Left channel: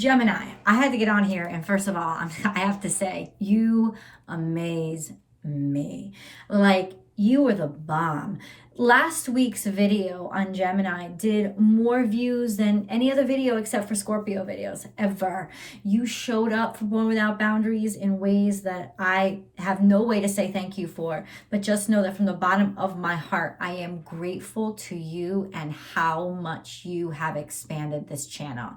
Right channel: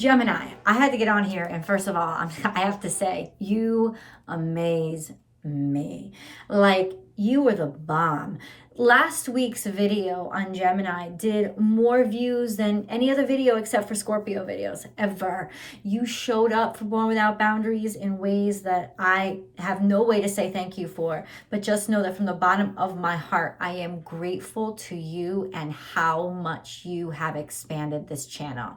Gemini, I had to get on here, and first of all, I have to say, you amaze me. Like, you were the bomb. Last week's video on Gemini did more views than any other video except for Scorpio videos ever. You showed up for Born Without Boundaries in ways that I have no way to say thank you for, but just know that from the bottom of my heart, I am grateful to you and how much you have expanded this channel.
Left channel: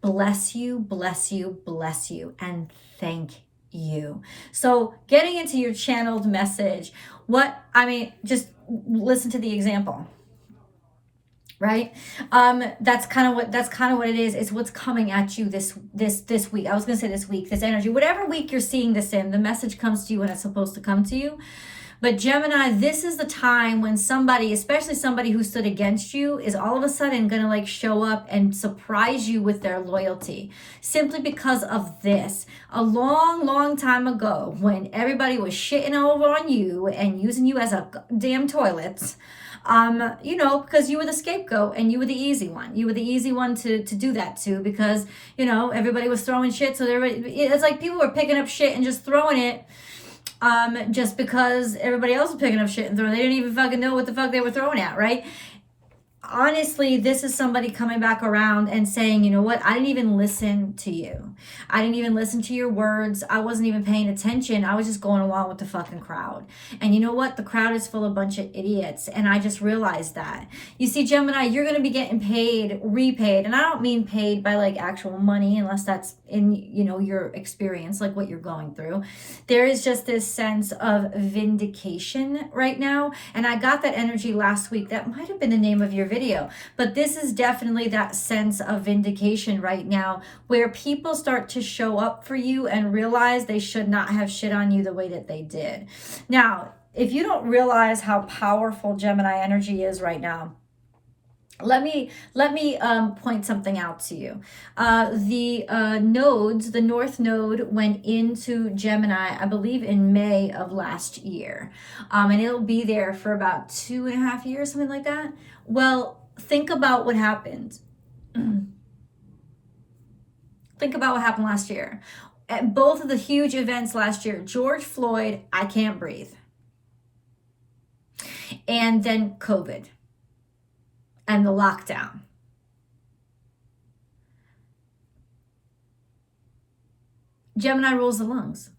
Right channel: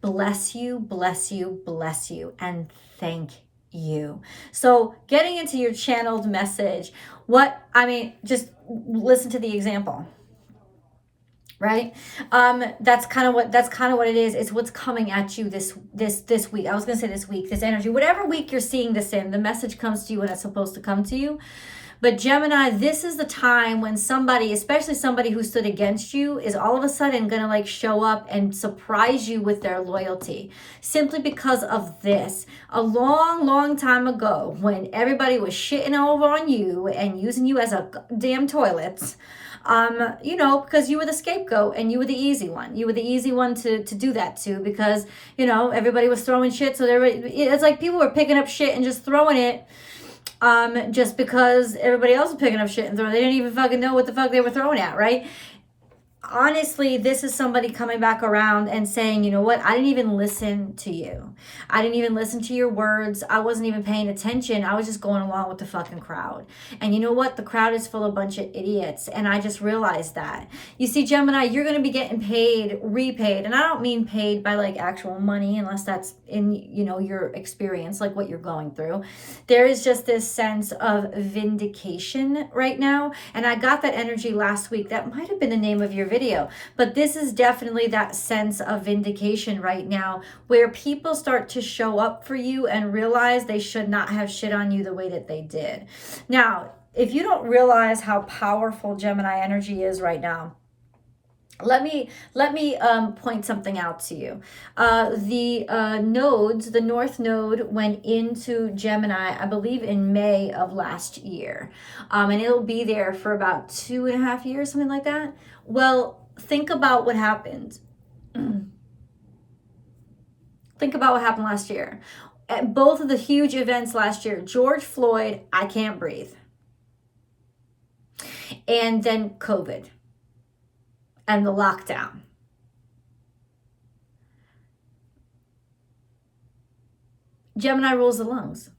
Bless you, bless you, bless you, and thank you. So getting into your channeled message, just listen to the example, right? That's kind of what it is. It's what's coming at you this week. I was gonna say this week, this energy, whatever week you're seeing this in, the message comes to you when it's supposed to come to you. But Gemini, this is the time when somebody, especially somebody who stood against you, is all of a sudden going to like show up and surprise you with their loyalty. Simply because of this. A long, long time ago, when everybody was shitting over on you and using you as a damn toilet, because you were the scapegoat and you were the easy one. You were the easy one to do that to because, everybody was throwing shit. So it's like people were picking up shit and just throwing it. Just because everybody else was picking up shit and throwing, they didn't even fucking know what the fuck they were throwing at, right? Honestly, this is somebody coming back around and saying, you know what? I didn't even listen to you. I didn't even listen to your words. I wasn't even paying attention. I was just going along with the fucking crowd. And you know what? The crowd is full of a bunch of idiots. And I just realized that. You see, Gemini, you're going to be getting repaid. And I don't mean paid by like actual money, unless that's in, your experience, like what you're going through. There is just this sense of vindication right now. And I got that energy last week. That might have been the name of your video, but this is definitely that sense of vindication right now where people start to show up for you and realize they should not have shit on you the way that they did. Now, if you don't realize how powerful Gemini energy is right now, let me point something out to you. The North Node went into Gemini, I believe in May of last year. And it'll be there for about 2.5 years, something like that. Well, think about what happened. Think about what happened last year. At both of the huge events last year, George Floyd, I can't breathe. And then COVID. And the lockdown. Gemini rules the lungs.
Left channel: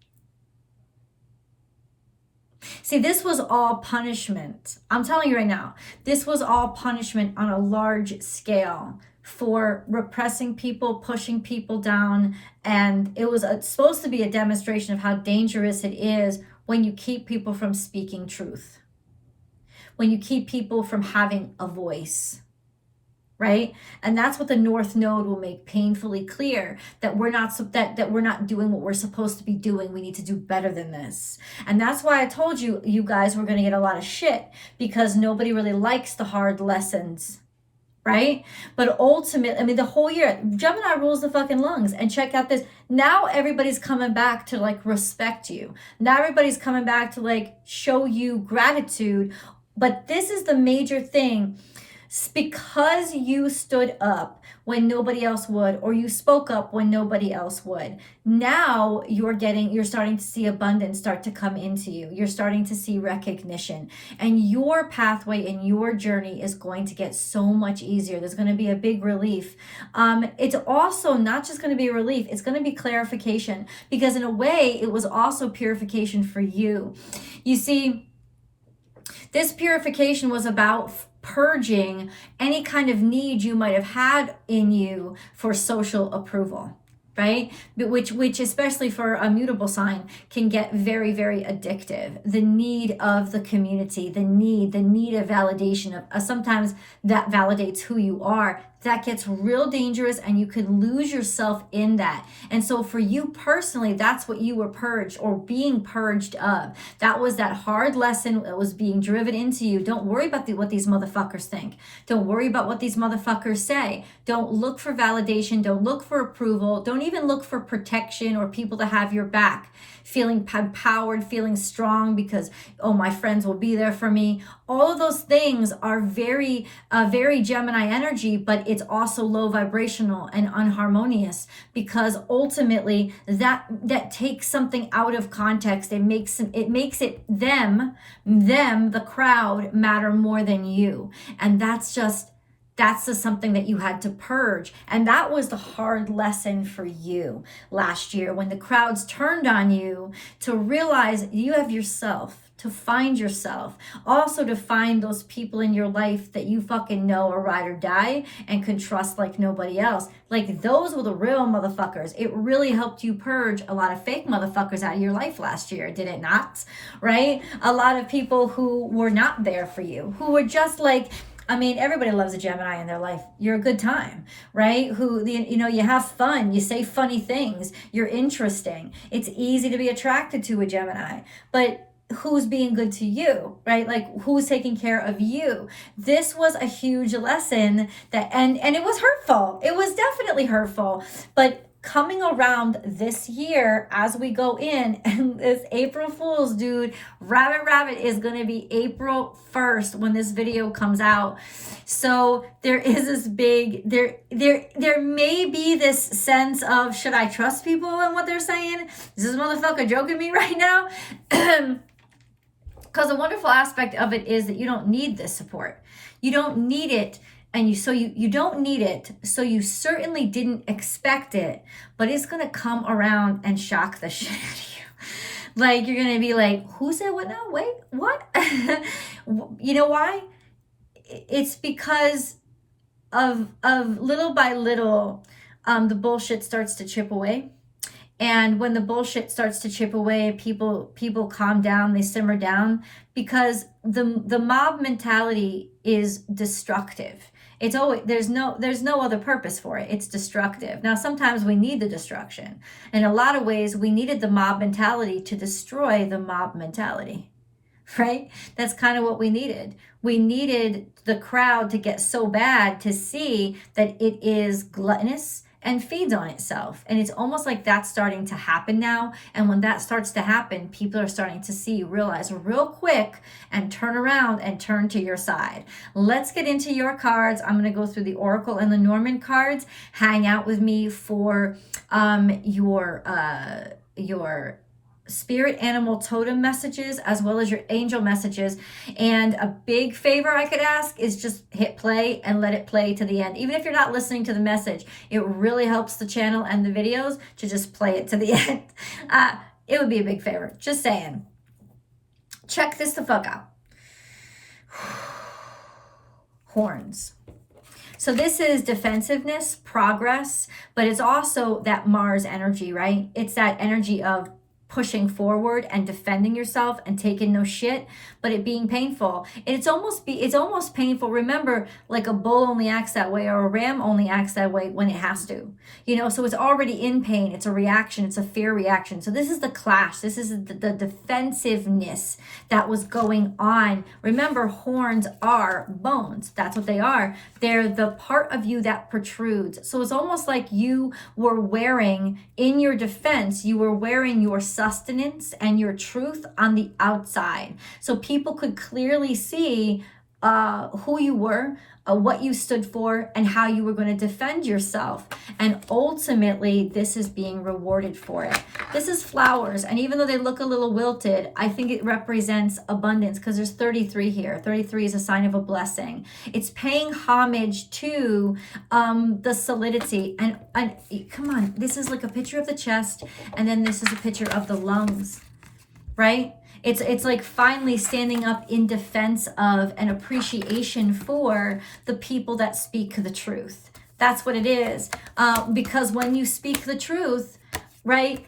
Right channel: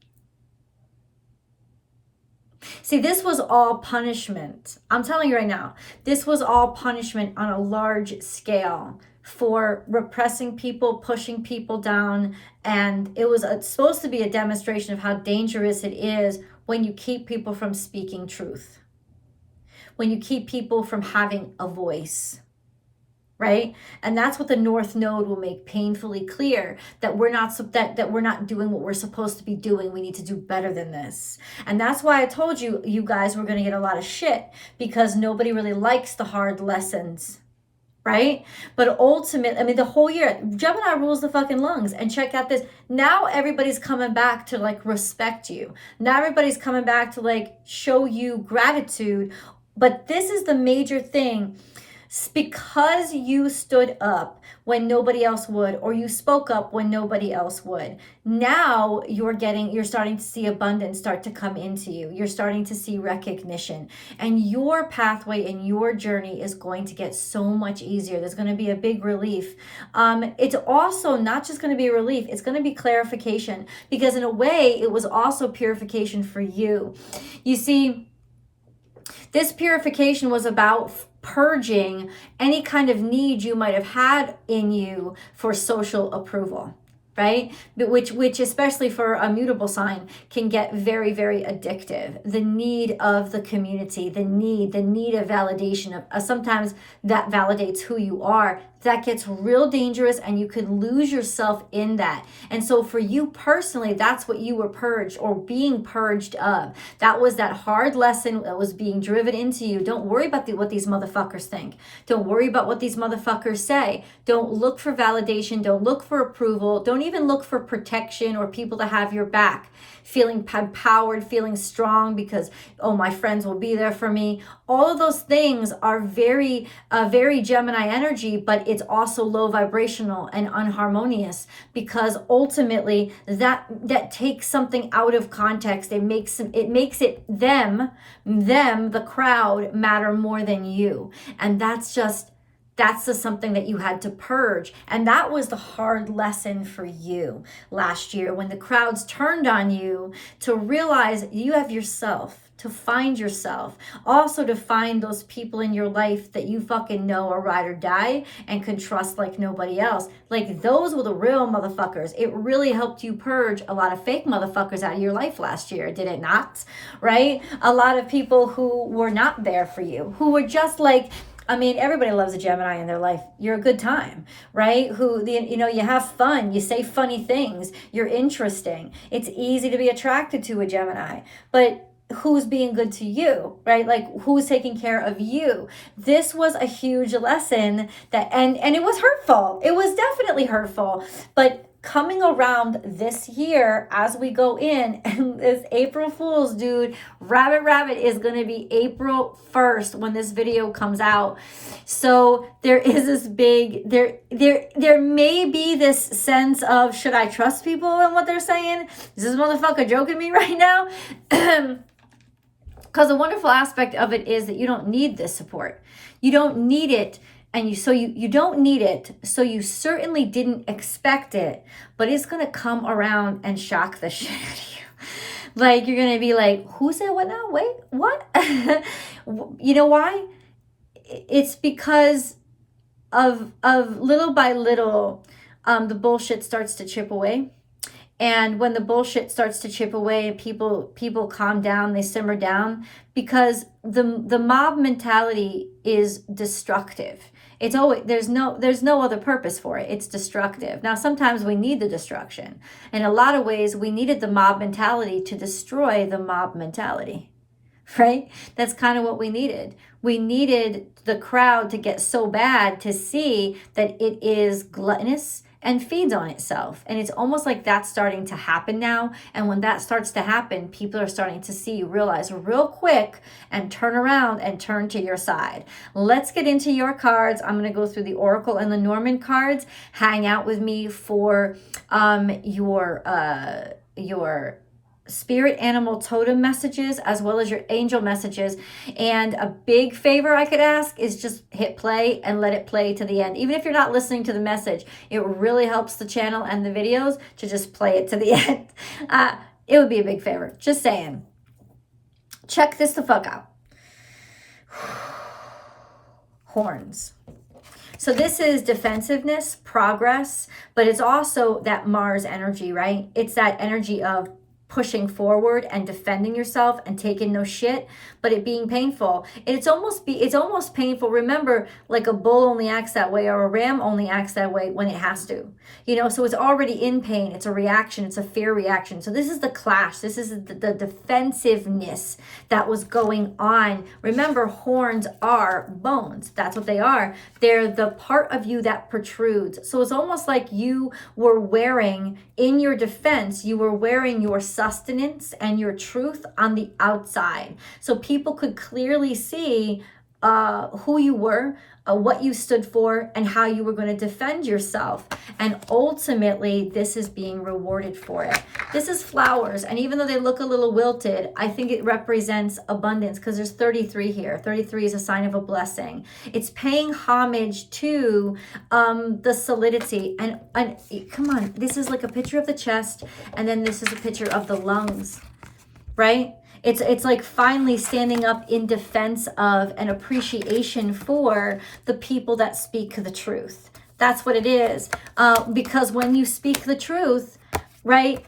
See, this was all punishment. I'm telling you right now, this was all punishment on a large scale for repressing people, pushing people down. And it was supposed to be a demonstration of how dangerous it is when you keep people from speaking truth. When you keep people from having a voice, right? And that's what the North Node will make painfully clear, that we're not doing what we're supposed to be doing. We need to do better than this. And that's why I told you, you guys were going to get a lot of shit, because nobody really likes the hard lessons, right? But ultimately, the whole year, Gemini rules the fucking lungs. And check out this. Now everybody's coming back to like respect you. Now everybody's coming back to like show you gratitude. But this is the major thing. Because you stood up when nobody else would, or you spoke up when nobody else would. Now you're starting to see abundance start to come into you. You're starting to see recognition, and your pathway and your journey is going to get so much easier. There's going to be a big relief. It's also not just going to be a relief. It's going to be clarification, because in a way it was also purification for you. You see, this purification was about purging any kind of need you might have had in you for social approval, right? But which especially for a mutable sign can get very, very addictive. The need of the community, the need of validation of sometimes that validates who you are. That gets real dangerous, and you could lose yourself in that. And so for you personally, that's what you were purged or being purged of. That was that hard lesson that was being driven into you. Don't worry about what these motherfuckers think. Don't worry about what these motherfuckers say. Don't look for validation. Don't look for approval. Don't even look for protection or people to have your back. Feeling empowered, feeling strong because, oh, my friends will be there for me. All of those things are very Gemini energy, but it's also low vibrational and unharmonious, because ultimately that takes something out of context. It makes it them, the crowd, matter more than you. And that's just something that you had to purge. And that was the hard lesson for you last year, when the crowds turned on you, to realize you have yourself, to find yourself, also to find those people in your life that you fucking know are ride or die and can trust like nobody else. Like, those were the real motherfuckers. It really helped you purge a lot of fake motherfuckers out of your life last year, did it not? Right? A lot of people who were not there for you, who were just like, I mean, everybody loves a Gemini in their life. You're a good time, right? You have fun. You say funny things. You're interesting. It's easy to be attracted to a Gemini. But who's being good to you, right? Like, who's taking care of you? This was a huge lesson and it was hurtful. It was definitely hurtful. But coming around this year, as we go in, and this April Fool's, dude, rabbit is going to be April 1st when this video comes out. So there is this big, there may be this sense of, should I trust people and what they're saying? Is this motherfucker joking me right now? Because the wonderful aspect of it is that you don't need this support. You don't need it. And you don't need it, so you certainly didn't expect it, but it's going to come around and shock the shit out of you. Like, you're going to be like, who said what now? Wait, what? You know why? It's because of little by little, the bullshit starts to chip away. And when the bullshit starts to chip away, people calm down, they simmer down, because the mob mentality is destructive. It's always, there's no other purpose for it. It's destructive. Now, sometimes we need the destruction. In a lot of ways, we needed the mob mentality to destroy the mob mentality, right? That's kind of what we needed. We needed the crowd to get so bad to see that it is gluttonous and feeds on itself. And it's almost like that's starting to happen now. And when that starts to happen, people are starting to realize real quick and turn around and turn to your side. Let's get into your cards. I'm going to go through the Oracle and Lenormand cards. Hang out with me for your spirit animal totem messages, as well as your angel messages. And a big favor I could ask is just hit play and let it play to the end. Even if you're not listening to the message, it really helps the channel and the videos to just play it to the end. It would be a big favor. Just saying. Check this the fuck out. Horns. So this is defensiveness, progress, but it's also that Mars energy, right? It's that energy of pushing forward and defending yourself and taking no shit, but it being painful. It's almost painful. Remember, like a bull only acts that way, or a ram only acts that way when it has to. So it's already in pain. It's a reaction. It's a fear reaction. So this is the clash. This is the defensiveness that was going on. Remember, horns are bones. That's what they are. They're the part of you that protrudes. So it's almost like you were wearing, in your defense, you were wearing your sustenance and your truth on the outside, so people could clearly see who you were, what you stood for, and how you were going to defend yourself. And ultimately, this is being rewarded for it. This is flowers, and even though they look a little wilted, I think it represents abundance, because there's 33 here. 33 is a sign of a blessing. It's paying homage to the solidity. And come on, this is like a picture of the chest, and then this is a picture of the lungs, right? It's like finally standing up in defense of an appreciation for the people that speak the truth. That's what it is. Because when you speak the truth, right?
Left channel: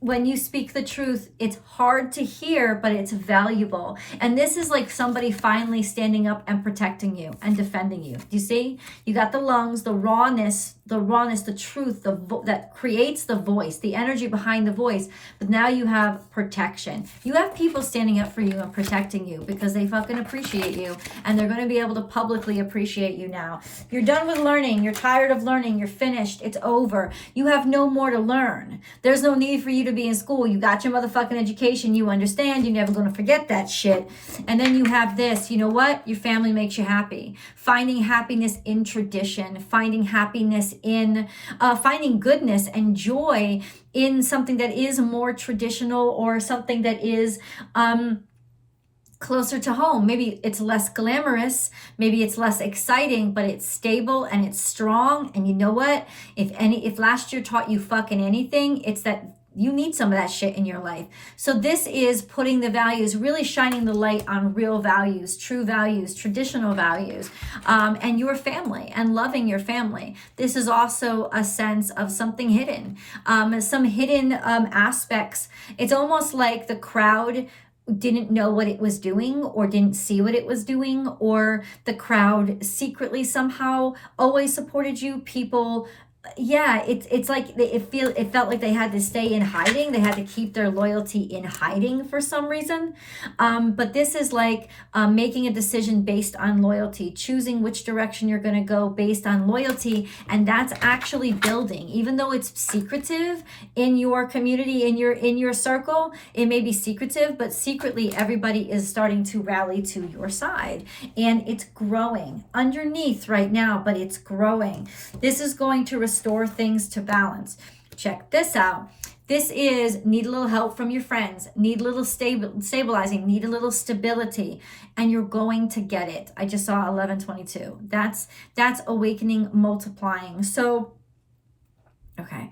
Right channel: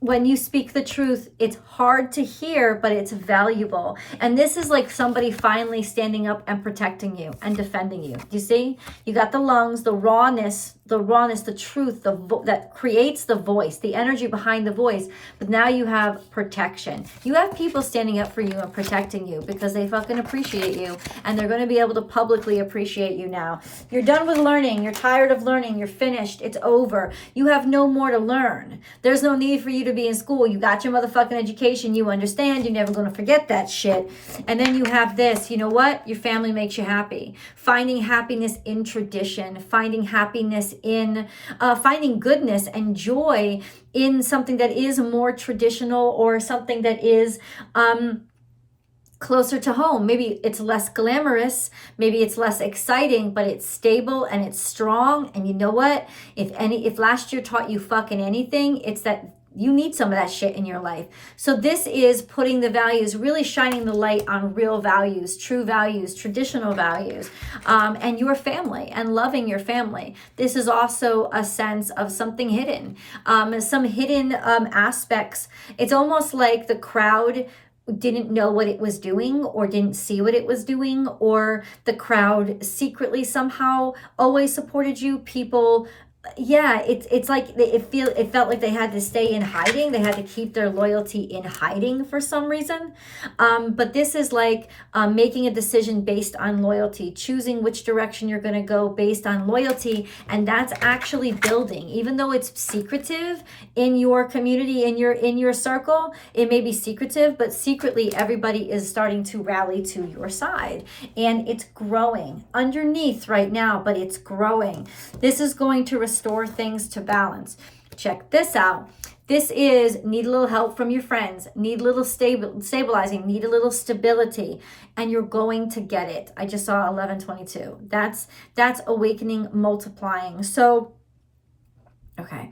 When you speak the truth, it's hard to hear, but it's valuable. And this is like somebody finally standing up and protecting you and defending you. Do you see? You got the lungs, the rawness, the rawness, the truth, that creates the voice, the energy behind the voice. But now you have protection. You have people standing up for you and protecting you because they fucking appreciate you, and they're going to be able to publicly appreciate you now. You're done with learning. You're tired of learning. You're finished. It's over. You have no more to learn. There's no need for you to be in school. You got your motherfucking education. You understand. You're never going to forget that shit. And then you have this. You know what? Your family makes you happy. Finding happiness in tradition. Finding happiness in finding goodness and joy in something that is more traditional, or something that is closer to home. Maybe it's less glamorous, maybe it's less exciting, but it's stable and it's strong. And you know what? If last year taught you fucking anything, it's that you need some of that shit in your life. So this is putting the values, really shining the light on real values, true values, traditional values, and your family, and loving your family. This is also a sense of something hidden, some hidden aspects. It's almost like the crowd didn't know what it was doing, or didn't see what it was doing, or the crowd secretly somehow always supported you. People, yeah, it's like it felt like they had to stay in hiding. They had to keep their loyalty in hiding for some reason. But this is like making a decision based on loyalty, choosing which direction you're going to go based on loyalty, and that's actually building. Even though it's secretive in your community, in your circle, it may be secretive, but secretly everybody is starting to rally to your side, and it's growing underneath right now, but it's growing. This is going to restore things to balance. Check this out. This is need a little help from your friends, need a little stabilizing, need a little stability, and you're going to get it. I just saw 1122. That's awakening, multiplying. So, okay.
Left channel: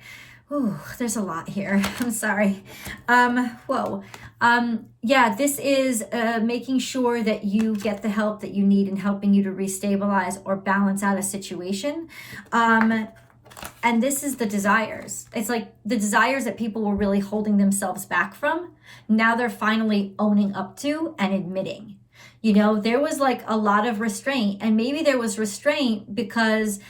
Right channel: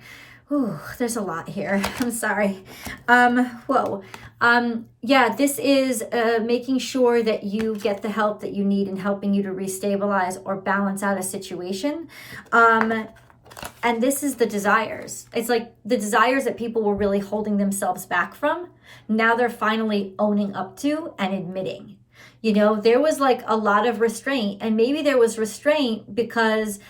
Ooh, there's a lot here. I'm sorry. Yeah, this is making sure that you get the help that you need in helping you to restabilize or balance out a situation. And this is the desires. It's like the desires that people were really holding themselves back from. Now they're finally owning up to and admitting. You know, there was like a lot of restraint, and maybe there was restraint because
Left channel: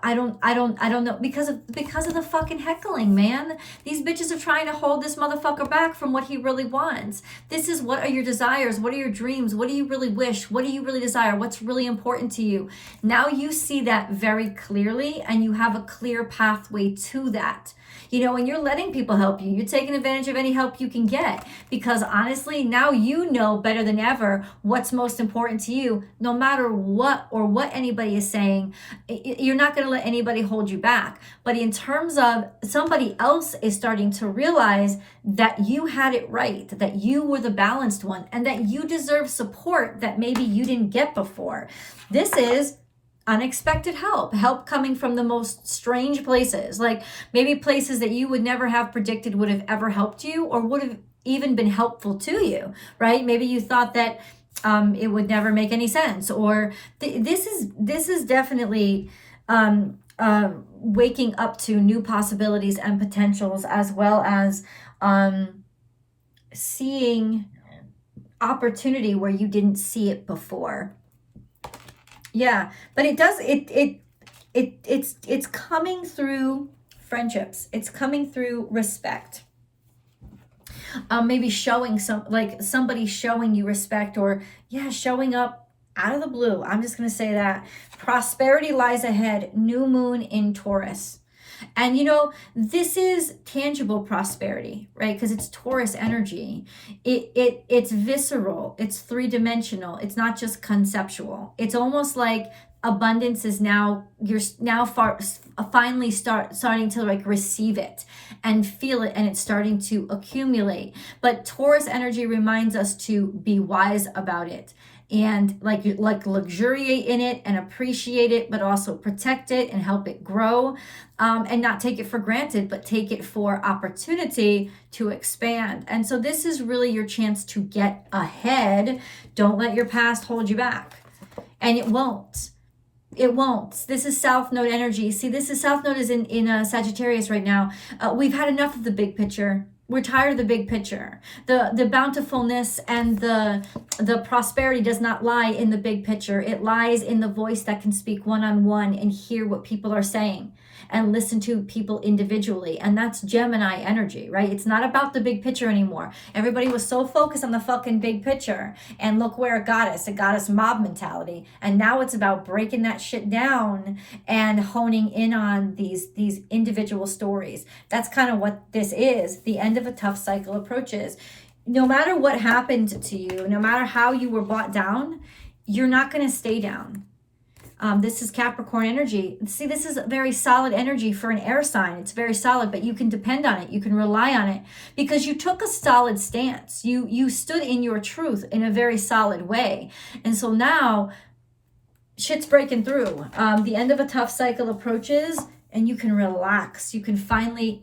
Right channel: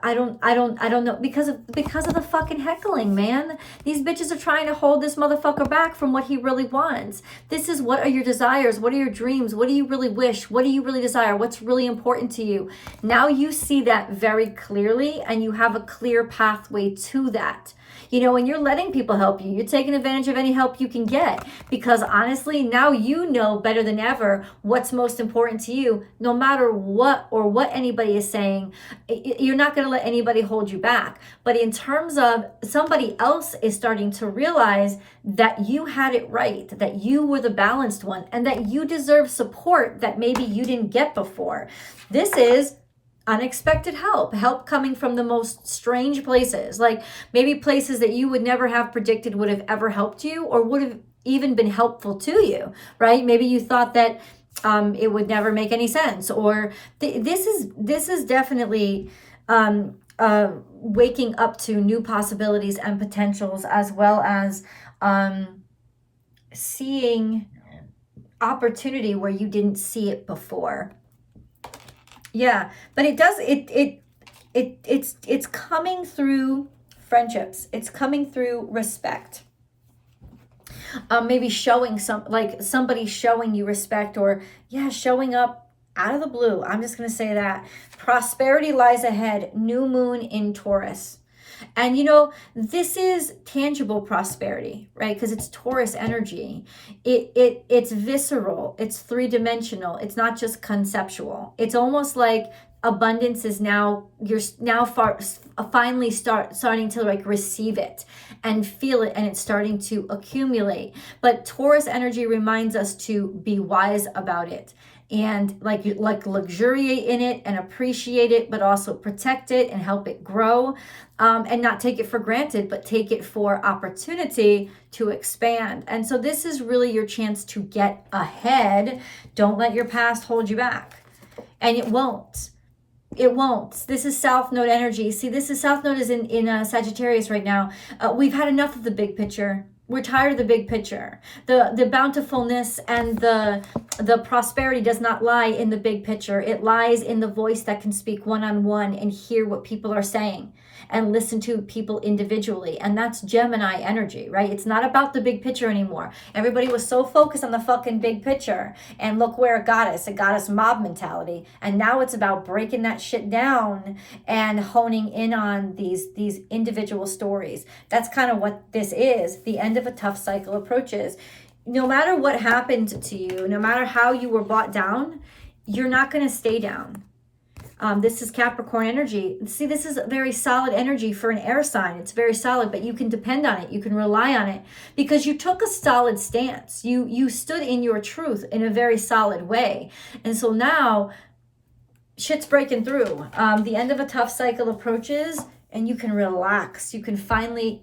I don't know, because of the fucking heckling, man. These bitches are trying to hold this motherfucker back from what he really wants. This is, what are your desires? What are your dreams? What do you really wish? What do you really desire? What's really important to you? Now you see that very clearly, and you have a clear pathway to that. You know, when you're letting people help you, you're taking advantage of any help you can get, because honestly, now you know better than ever what's most important to you. No matter what anybody is saying, you're not going to let anybody hold you back. But in terms of somebody else is starting to realize that you had it right, that you were the balanced one, and that you deserve support that maybe you didn't get before. This is unexpected help coming from the most strange places, like maybe places that you would never have predicted would have ever helped you, or would have even been helpful to you, right? Maybe you thought that it would never make any sense, or this is definitely waking up to new possibilities and potentials, as well as seeing opportunity where you didn't see it before. Yeah, but it's coming through friendships. It's coming through respect. Maybe showing somebody showing you respect, or showing up out of the blue. I'm just going to say that. Prosperity lies ahead. New moon in Taurus. And you know, this is tangible prosperity, right? Because it's Taurus energy. It's visceral. It's three-dimensional. It's not just conceptual. It's almost like abundance is finally starting to like receive it and feel it, and it's starting to accumulate. But Taurus energy reminds us to be wise about it, and like luxuriate in it and appreciate it, but also protect it and help it grow, and not take it for granted, but take it for opportunity to expand. And so this is really your chance to get ahead. Don't let your past hold you back. And it won't. This is South Node energy. See, this is South Node is in Sagittarius right now. We've had enough of the big picture. We're tired of the big picture. The bountifulness and the prosperity does not lie in the big picture. It lies in the voice that can speak one-on-one and hear what people are saying. and listen to people individually. And that's Gemini energy, right? It's not about the big picture anymore. Everybody was so focused on the fucking big picture, and look where it got us. It got us mob mentality. And now it's about breaking that shit down and honing in on these individual stories. That's kind of what this is. The end of a tough cycle approaches. No matter what happened to you, no matter how you were brought down, you're not going to stay down. This is Capricorn energy. See, this is a very solid energy for an air sign. It's very solid, but you can depend on it. You can rely on it because you took a solid stance. You stood in your truth in a very solid way. And so now shit's breaking through. The end of a tough cycle approaches, and you can relax. You can finally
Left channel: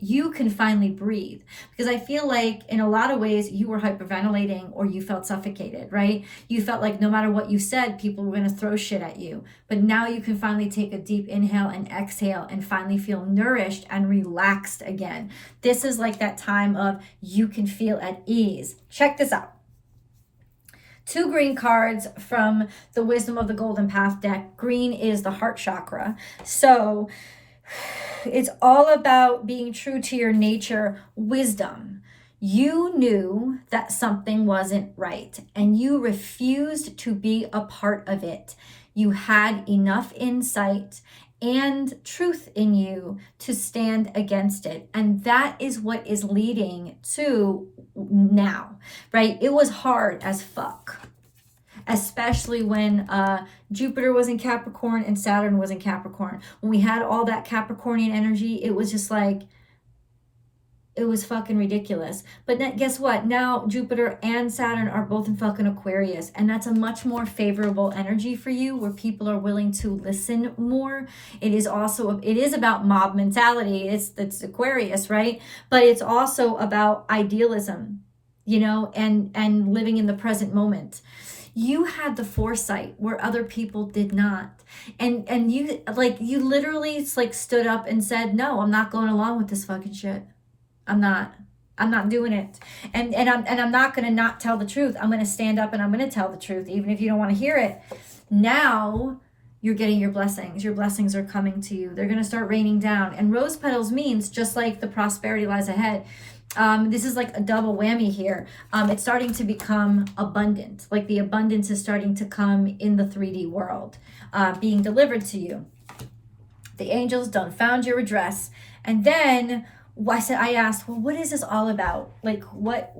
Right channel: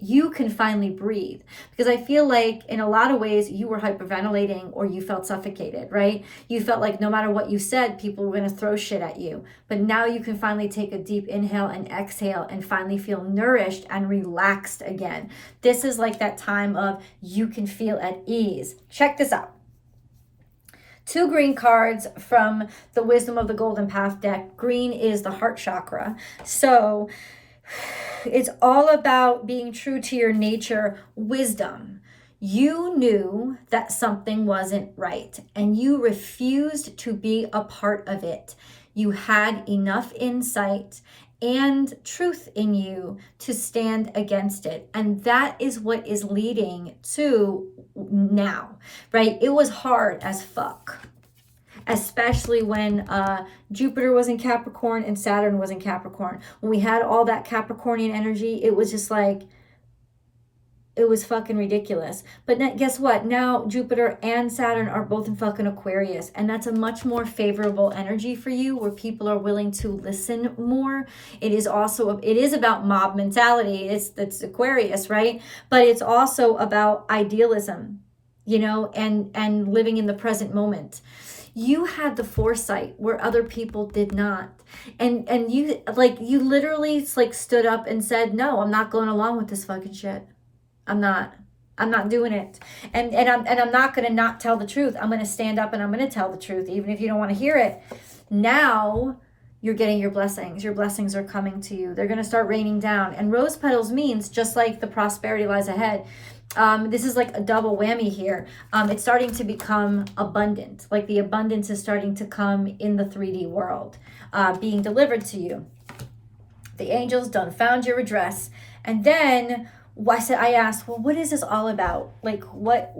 breathe. Because I feel like in a lot of ways you were hyperventilating or you felt suffocated, right? You felt like no matter what you said, people were going to throw shit at you. But now you can finally take a deep inhale and exhale and finally feel nourished and relaxed again. This is like that time of you can feel at ease. Check this out. 2 green cards from the Wisdom of the Golden Path deck. Green is the heart chakra. So it's all about being true to your nature, wisdom. You knew that something wasn't right and you refused to be a part of it. You had enough insight and truth in you to stand against it. And that is what is leading to now, right? It was hard as fuck. Especially when Jupiter was in Capricorn and Saturn was in Capricorn. When we had all that Capricornian energy, it was just like, it was fucking ridiculous. But guess what? Now Jupiter and Saturn are both in fucking Aquarius. And that's a much more favorable energy for you where people are willing to listen more. It is about mob mentality. It's Aquarius, right? But it's also about idealism, and living in the present moment. You had the foresight where other people did not. And you literally stood up and said, no, I'm not going along with this fucking shit. I'm not doing it. And I'm not going to not tell the truth. I'm going to stand up and I'm going to tell the truth, even if you don't want to hear it. Now you're getting your blessings. Your blessings are coming to you. They're going to start raining down. And rose petals means just like the prosperity lies ahead. This is like a double whammy here. It's starting to become abundant. Like the abundance is starting to come in the 3D world, being delivered to you. The angels done found your address. And then I asked, well, what is this all about? Like, what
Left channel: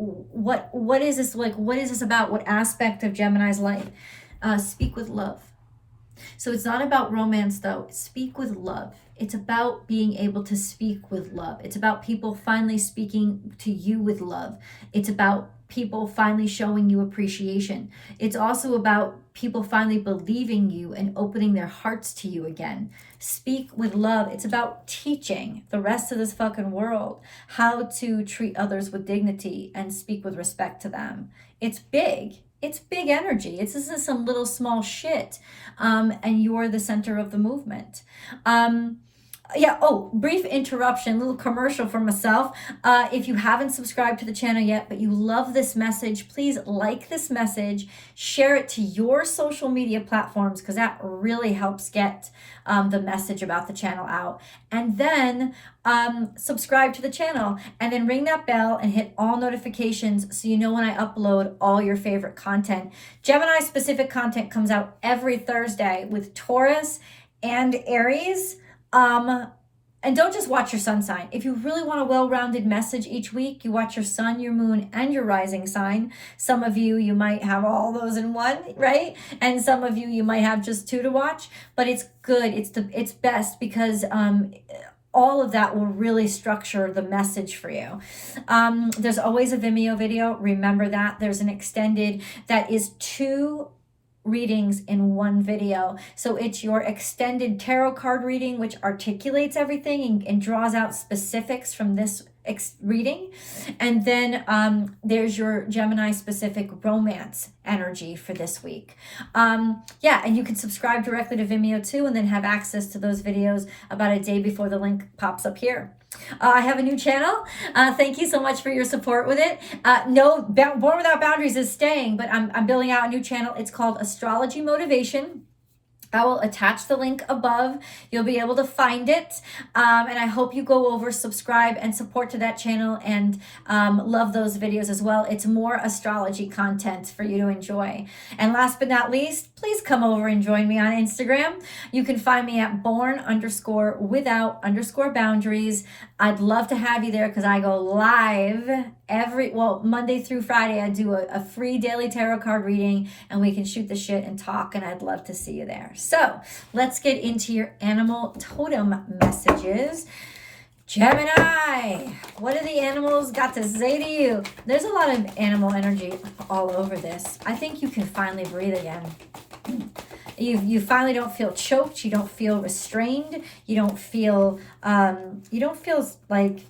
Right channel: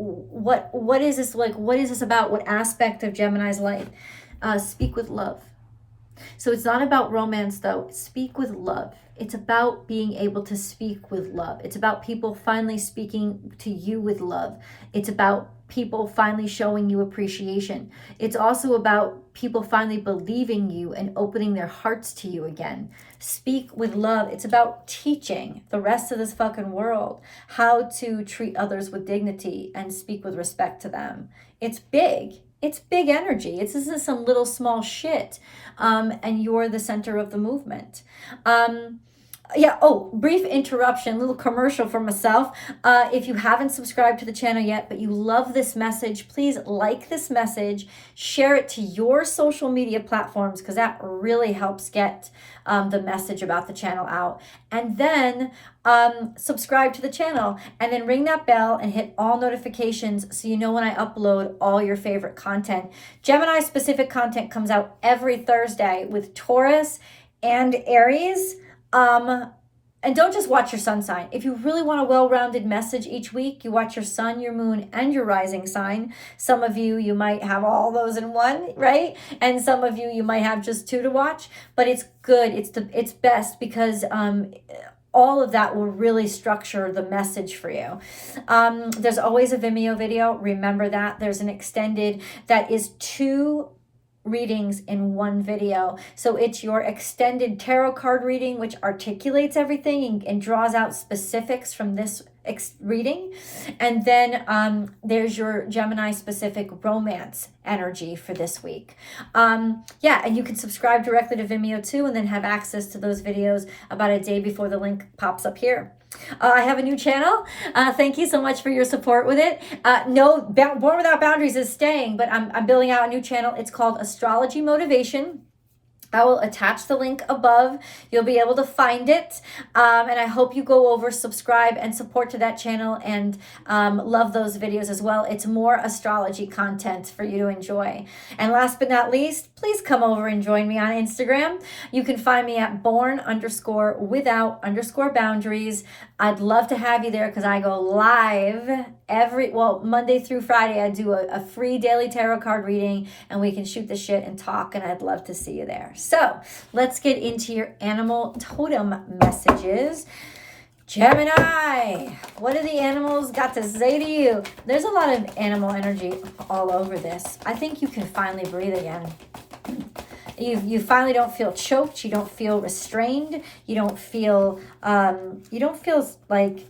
is this? Like, what is this about? What aspect of Gemini's life? Speak with love. So it's not about romance, though. Speak with love. It's about being able to speak with love. It's about people finally speaking to you with love. It's about people finally showing you appreciation. It's also about people finally believing you and opening their hearts to you again. Speak with love. It's about teaching the rest of this fucking world how to treat others with dignity and speak with respect to them. It's big. It's big energy. This isn't some little small shit. And you're the center of the movement. Brief interruption, little commercial for myself. If you haven't subscribed to the channel yet, but you love this message, please like this message, share it to your social media platforms, because that really helps get the message about the channel out. And then subscribe to the channel, and then ring that bell and hit all notifications so you know when I upload all your favorite content. Gemini specific content comes out every Thursday with Taurus and Aries. And don't just watch your sun sign. If you really want a well-rounded message each week, you watch your sun, your moon, and your rising sign. Some of you might have all those in one, right? And some of you might have just 2 to watch. But it's good. It's best because all of that will really structure the message for you. There's always a Vimeo video. Remember that. There's an extended that is 2 readings in one video. So it's your extended tarot card reading, which articulates everything and draws out specifics from this reading. And then there's your Gemini specific romance energy for this week. And you can subscribe directly to Vimeo too, and then have access to those videos about a day before the link pops up here. I have a new channel. Thank you so much for your support with it. Born Without Boundaries is staying, but I'm building out a new channel. It's called Astrology Motivation. I will attach the link above. You'll be able to find it. And I hope you go over, subscribe, and support to that channel, and love those videos as well. It's more astrology content for you to enjoy. And last but not least, please come over and join me on Instagram. You can find me at born_without_boundaries. I'd love to have you there because I go live Monday through Friday. I do a free daily tarot card reading, and we can shoot the shit and talk, and I'd love to see you there. So let's get into your animal totem messages. Gemini, what do the animals got to say to you? There's a lot of animal energy all over this. I think you can finally breathe again. You finally don't feel choked. You don't feel restrained. You don't feel like,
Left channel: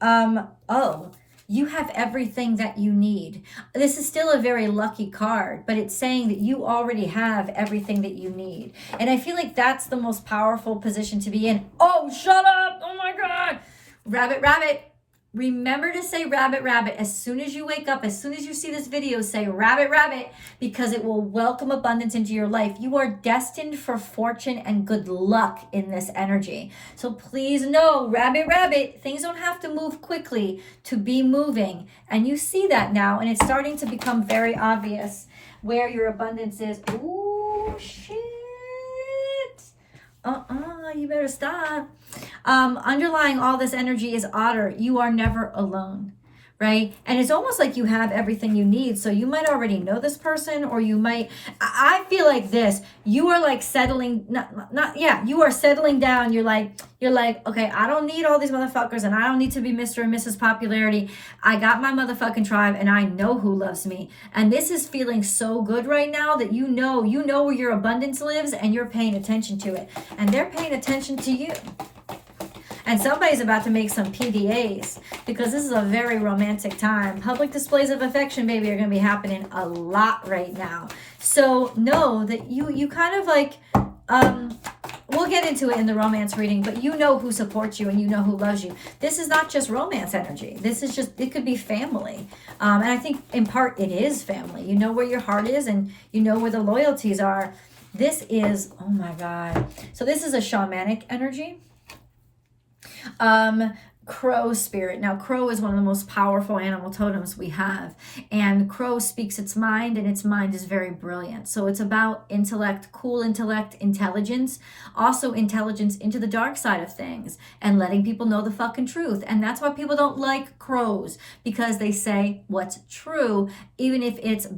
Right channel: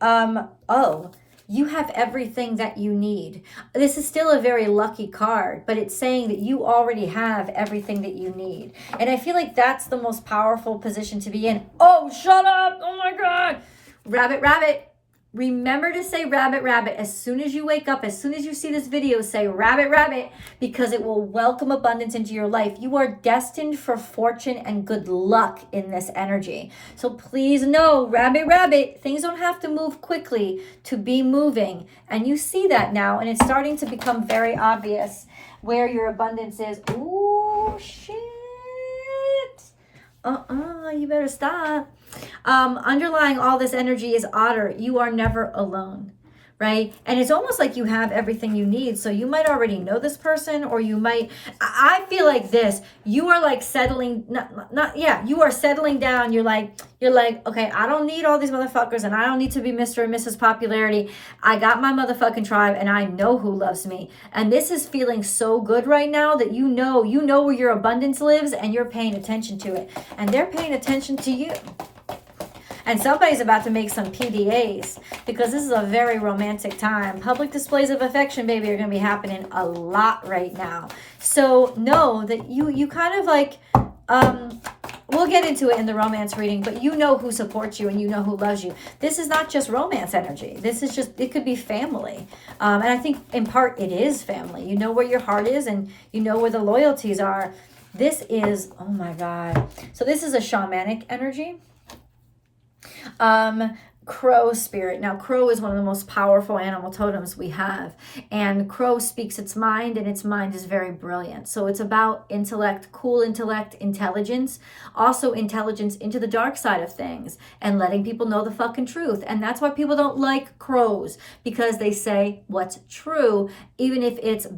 oh, you have everything that you need. This is still a very lucky card, but it's saying that you already have everything that you need. And I feel like that's the most powerful position to be in. Oh, shut up. Oh my God. Rabbit, rabbit. Remember to say rabbit, rabbit. As soon as you wake up, as soon as you see this video, say rabbit, rabbit, because it will welcome abundance into your life. You are destined for fortune and good luck in this energy. So please know, rabbit, rabbit, things don't have to move quickly to be moving. And you see that now, and it's starting to become very obvious where your abundance is. Ooh, shit. You better stop. Underlying all this energy is otter. You are never alone, right? And it's almost like you have everything you need. So you might already know this person, or you might, I feel like this, you are like settling, you are settling down. You're like, okay, I don't need all these motherfuckers, and I don't need to be Mr. and Mrs. Popularity. I got my motherfucking tribe, and I know who loves me. And this is feeling so good right now that you know where your abundance lives, and you're paying attention to it. And they're paying attention to you. And somebody's about to make some PDAs, because this is a very romantic time. Public displays of affection, baby, are going to be happening a lot right now. So know that you kind of like, we'll get into it in the romance reading, but you know who supports you and you know who loves you. This is not just romance energy. This is just, it could be family. And I think in part it is family. You know where your heart is, and you know where the loyalties are. This is, oh my God. So this is a shamanic energy. Crow spirit. Now, crow is one of the most powerful animal totems we have, and crow speaks its mind, and its mind is very brilliant. So it's about intellect, cool intellect, intelligence, also intelligence into the dark side of things, and letting people know the fucking truth. And that's why people don't like crows, because they say what's true, even if it's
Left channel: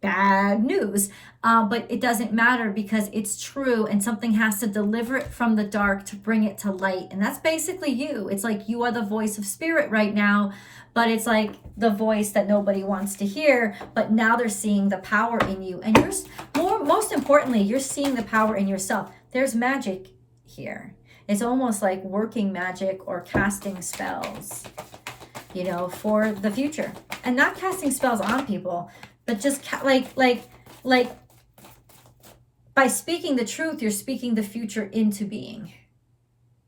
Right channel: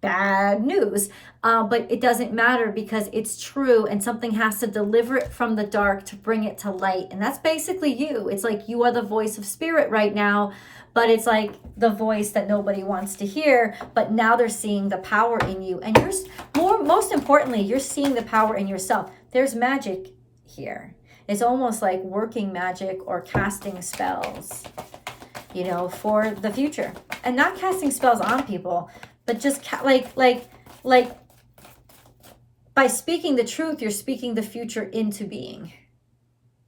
bad news, but it doesn't matter because it's true, and something has to deliver it from the dark to bring it to light. And that's basically you. It's like you are the voice of spirit right now, but it's like the voice that nobody wants to hear, but now they're seeing the power in you. And most importantly, you're seeing the power in yourself. There's magic here. It's almost like working magic or casting spells, for the future. And not casting spells on people, but just like by speaking the truth, you're speaking the future into being.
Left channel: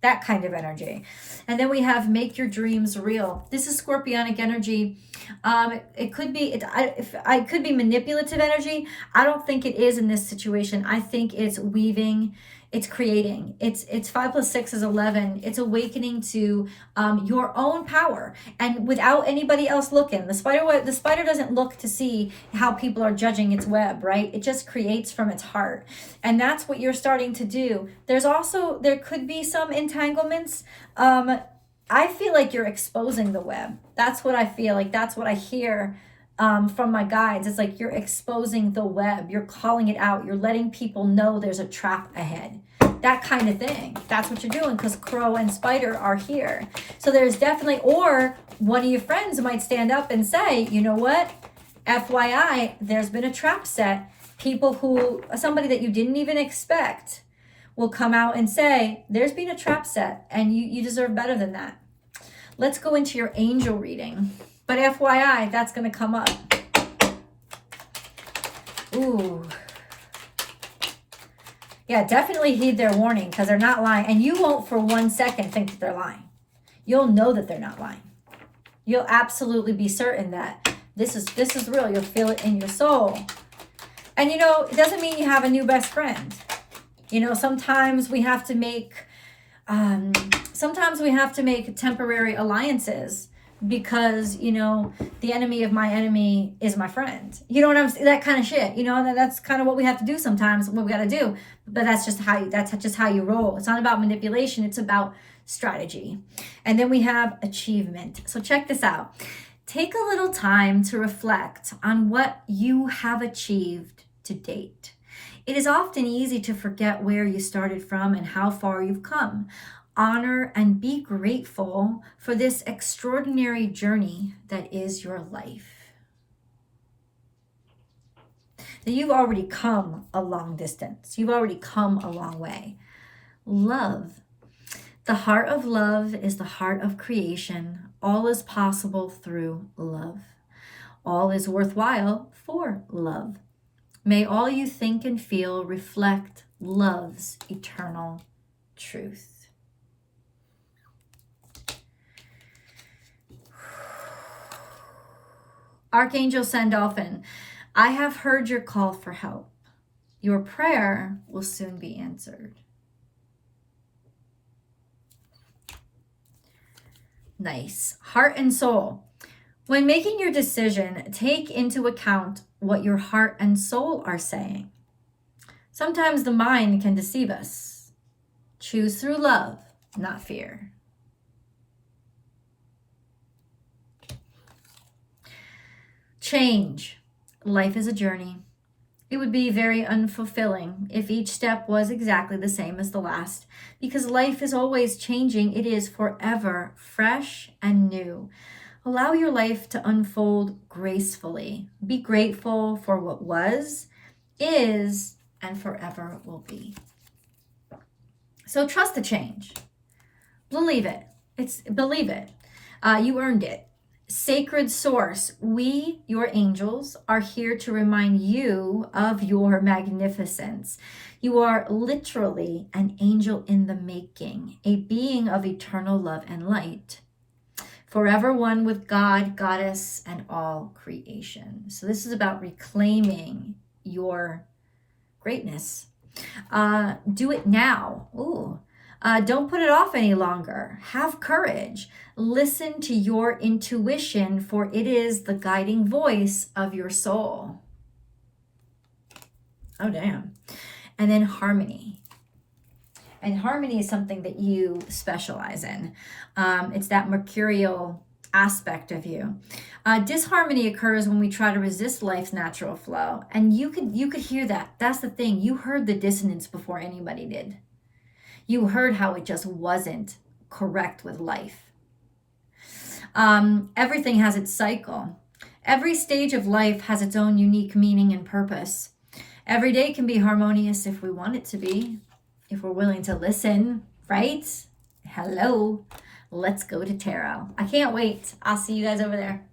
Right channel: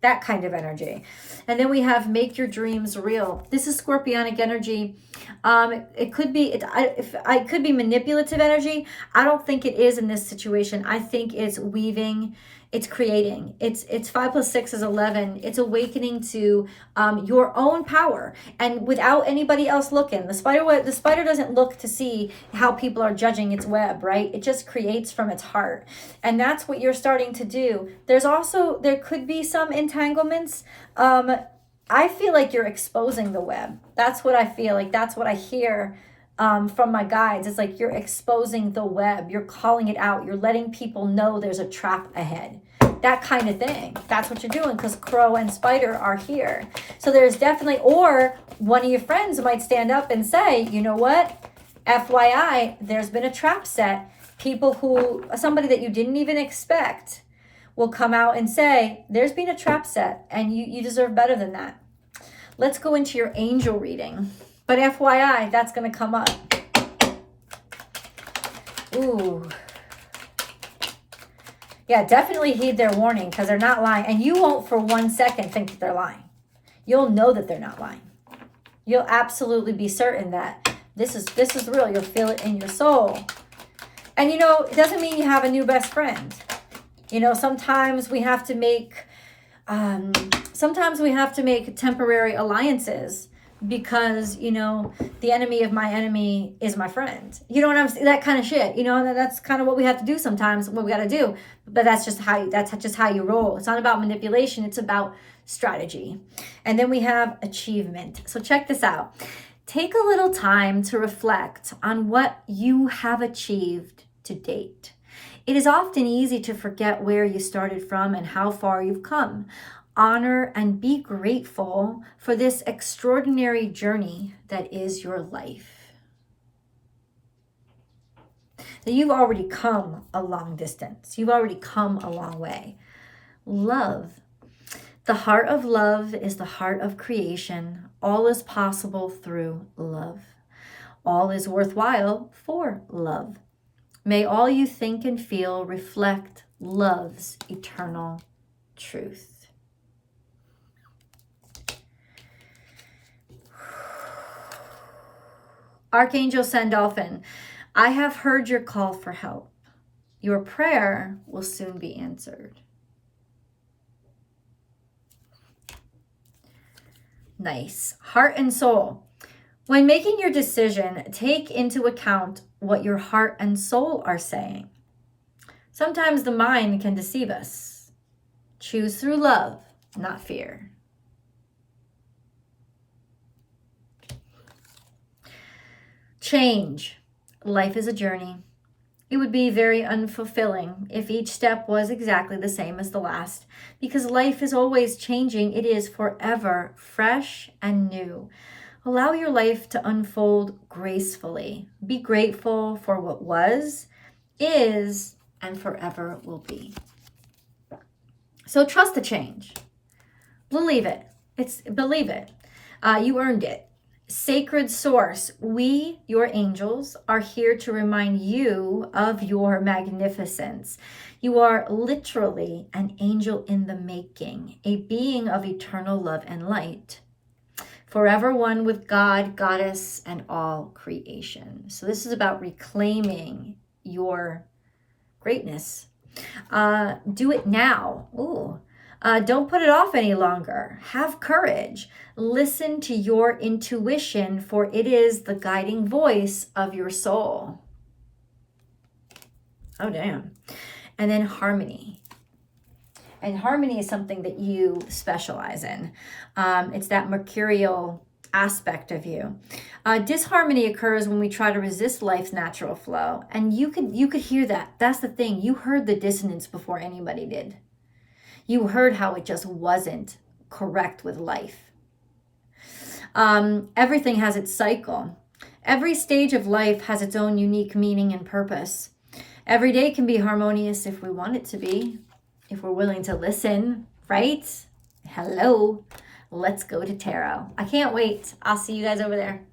That kind of energy. And then we have make your dreams real. This is Scorpionic energy. It could be, it could be manipulative energy. I don't think it is in this situation. I think it's weaving, it's creating. It's 5 + 6 is 11. It's awakening to your own power, and without anybody else looking. The spider doesn't look to see how people are judging its web, right? It just creates from its heart, and that's what you're starting to do. There could be some entanglements. I feel like you're exposing the web. That's what I feel like. That's what I hear from my guides. It's like you're exposing the web. You're calling it out. You're letting people know there's a trap ahead. That kind of thing. That's what you're doing, because crow and spider are here. So there's definitely, or one of your friends might stand up and say, you know what? FYI, there's been a trap set. Somebody that you didn't even expect will come out and say, there's been a trap set, and you deserve better than that. Let's go into your angel reading. But FYI, that's going to come up. Ooh. Yeah, definitely heed their warning, because they're not lying. And you won't for 1 second think that they're lying. You'll know that they're not lying. You'll absolutely be certain that this is real. You'll feel it in your soul. And it doesn't mean you have a new best friend. You know, sometimes we have to make temporary alliances because, you know, the enemy of my enemy is my friend. You know what I'm saying? That kind of shit. You know, that's kind of what we have to do sometimes, what we got to do. But that's just how you roll. It's not about manipulation. It's about strategy. And then we have achievement. So check this out. Take a little time to reflect on what you have achieved to date. It is often easy to forget where you started from and how far you've come. Honor and be grateful for this extraordinary journey that is your life. That you've already come a long distance. You've already come a long way. Love. The heart of love is the heart of creation. All is possible through love. All is worthwhile for love. May all you think and feel reflect love's eternal truth. Archangel Sandalphon, I have heard your call for help. Your prayer will soon be answered. Nice. Heart and soul. When making your decision, take into account what your heart and soul are saying. Sometimes the mind can deceive us. Choose through love, not fear. Change. Life is a journey. It would be very unfulfilling if each step was exactly the same as the last, because life is always changing. It is forever fresh and new. Allow your life to unfold gracefully. Be grateful for what was, is, and forever will be. So trust the change. Believe it. Believe it. You earned it. Sacred source, we, your angels, are here to remind you of your magnificence. You are literally an angel in the making, a being of eternal love and light, forever one with God, Goddess, and all creation. So this is about reclaiming your greatness. Do it now. Ooh. Don't put it off any longer. Have courage. Listen to your intuition, for it is the guiding voice of your soul. Oh, damn. And then harmony. And harmony is something that you specialize in. It's that mercurial aspect of you. Disharmony occurs when we try to resist life's natural flow. And you could hear that. That's the thing. You heard the dissonance before anybody did. You heard how it just wasn't correct with life. Everything has its cycle. Every stage of life has its own unique meaning and purpose. Every day can be harmonious if we want it to be, if we're willing to listen, right? Hello, let's go to tarot. I can't wait. I'll see you guys over there.